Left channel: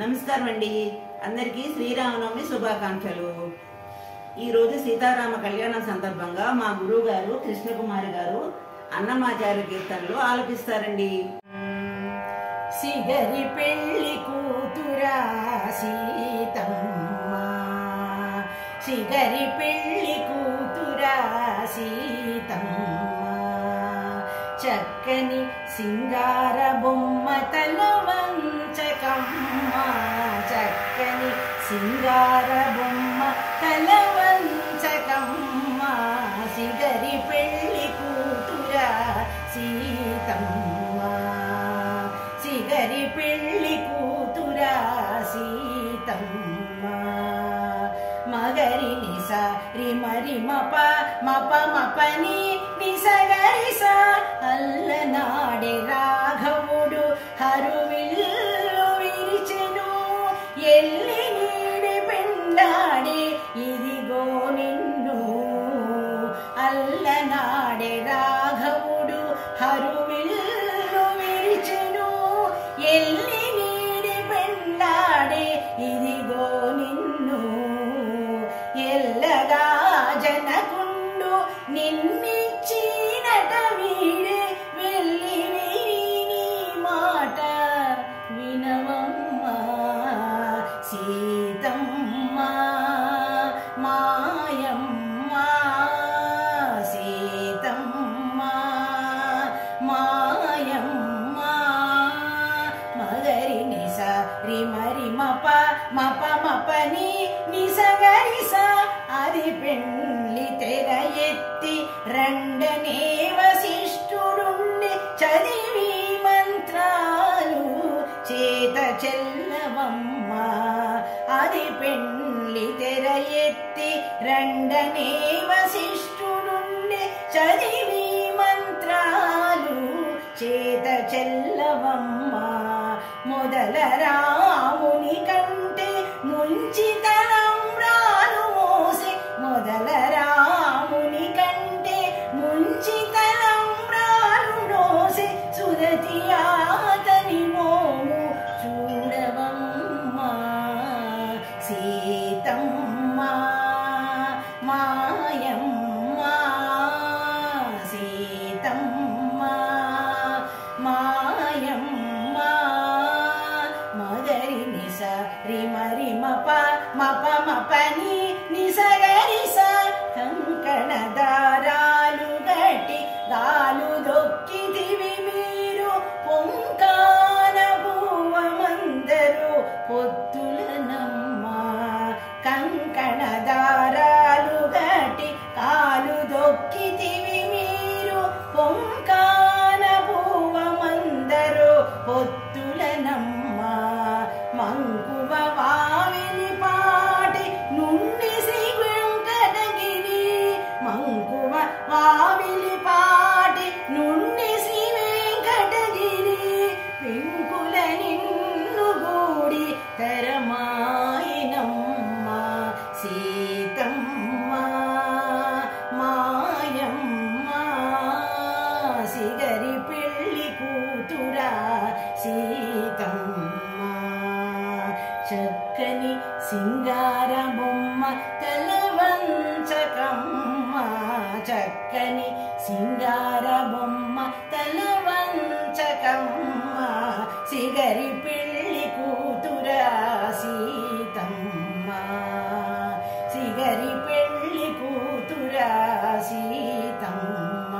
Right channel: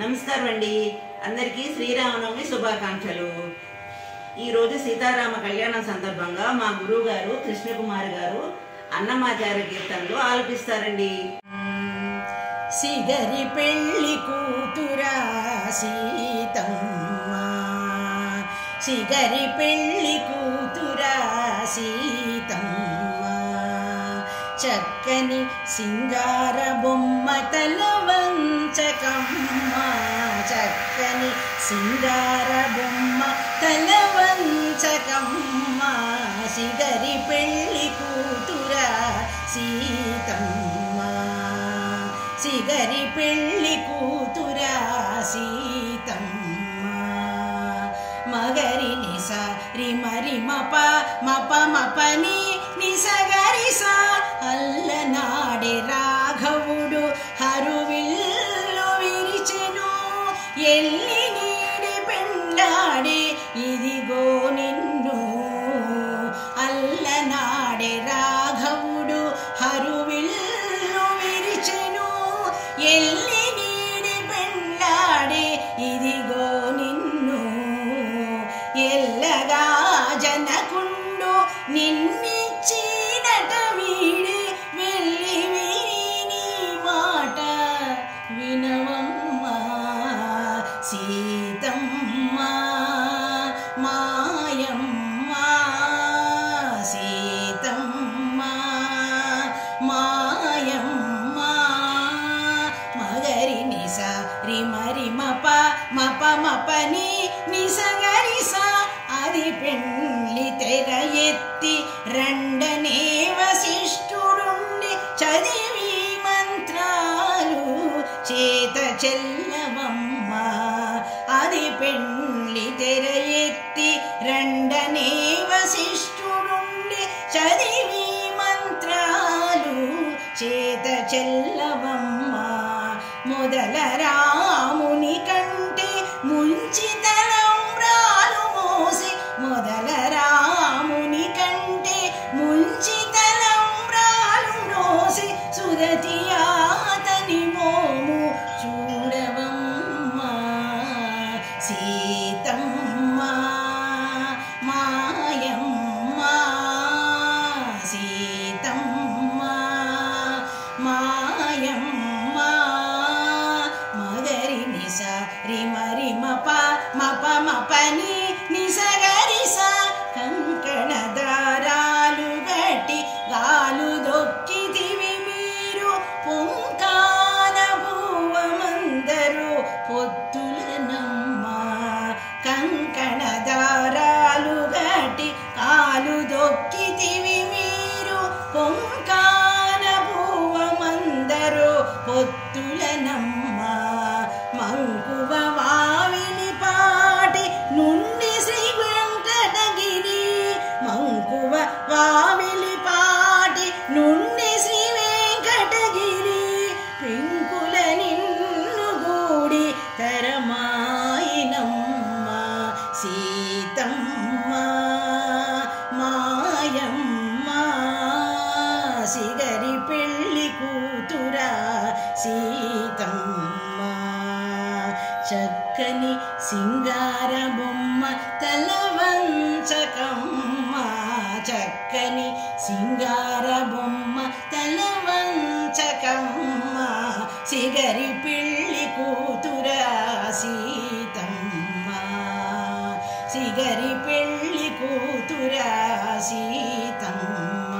నమస్కారం అండి. అందరికీ శ్రీరామనవమి శుభాకాంక్షలు. ఈరోజు సీతారామ కళ్యాణం సందర్భంగా మా గురువు గారు కృష్ణకుమారి గారు అన్నమాచార్య కీర్తనలు ఆలపిస్తారండి. సిగరి పెళ్లి కూతురా సీతమ్మ, సిగరి పెళ్లి కూతురా సీతమ్మ, చక్కని సింగార బొమ్మ తల వంచకమ్మ, చక్కని సింగార బొమ్మ తల వంచకమ్మ, సిగరి పెళ్లి కూతురా సీతమ్మ, సిగరి పెళ్లి కూతురా సీతమ్మ. మగరి నిస రిమరి మప మప మపని నిసగరిస, అల్లనాడే రాఘవుడు హరువిల్లు విరిచెను, ఎల్లి నీడి పెండాడే ఇదిగో నిన్ను, అల్లనాడే రాఘవుడు హరువిల్లు విరిచెను, ఎల్లి నీడి పెండాడే ఇదిగో నిన్ను, ఎల్లగా జనకుండు నిన్నిచ్చినట వీడే, వెళ్ళి విని మాట వినవమ్మ సీతమ్మ మాయమ్మ, సీతమ్మ మాయమ్మ. మగరి నిస రిమరి మప మప మపని నిసగరిస, అది పెళ్లి తెర ఎత్తి రండనే వశిష్ఠుడుండి చదివి మంత్రాలు చేత చెల్లవమ్మ, అది పెళ్లి తెర ఎత్తి రండనే వశిష్ఠుడుండి చదివి మంత్రాలు చేత చెల్లవమ్మ. మొదల రాముని కంటే ముంచితలంబ్రాలు మోసి, మొదల రాముని కంటే ముంచితలంబ్రాలు మోసి, సురతి అతని మోము చూడవమ్మ సీతమ్మ మాయమ్మ, సీతమ్మ మాయమ్మ. మగరి నిస రిమరి మప మప మపని నిసగరిస, కంకణ దారాలు గట్టి గాలు దొక్కితివి మీరు, పొంకాన భూవమందరు పొత్తులనమ్మ, కంకణ దారాలు గట్టి కాలు దొక్కితివి మీరు, పొంకాన భూవమందరు పొత్తులనమ్మ. మంకువ వావిలి పాటి నుండి శ్రీ వెంకటగిరి, మంకువ వావిలి పాటి నుండి శ్రీ వెంకటగిరి, పెంకుల నిన్ను గూడి తరమాయినమ్మ సీతమ్మ మాయమ్మ, సిగరి పెళ్లి కూతురా సీతమ్మ, చక్కని సింగార బొమ్మ తల వంచకమ్మ, చక్కని సింగార బొమ్మ తల వంచకమ్మ, సిగరి పెళ్లి కూతురా సీతమ్మ, సిగరి పెళ్లి కూతురా సీతమ్మ.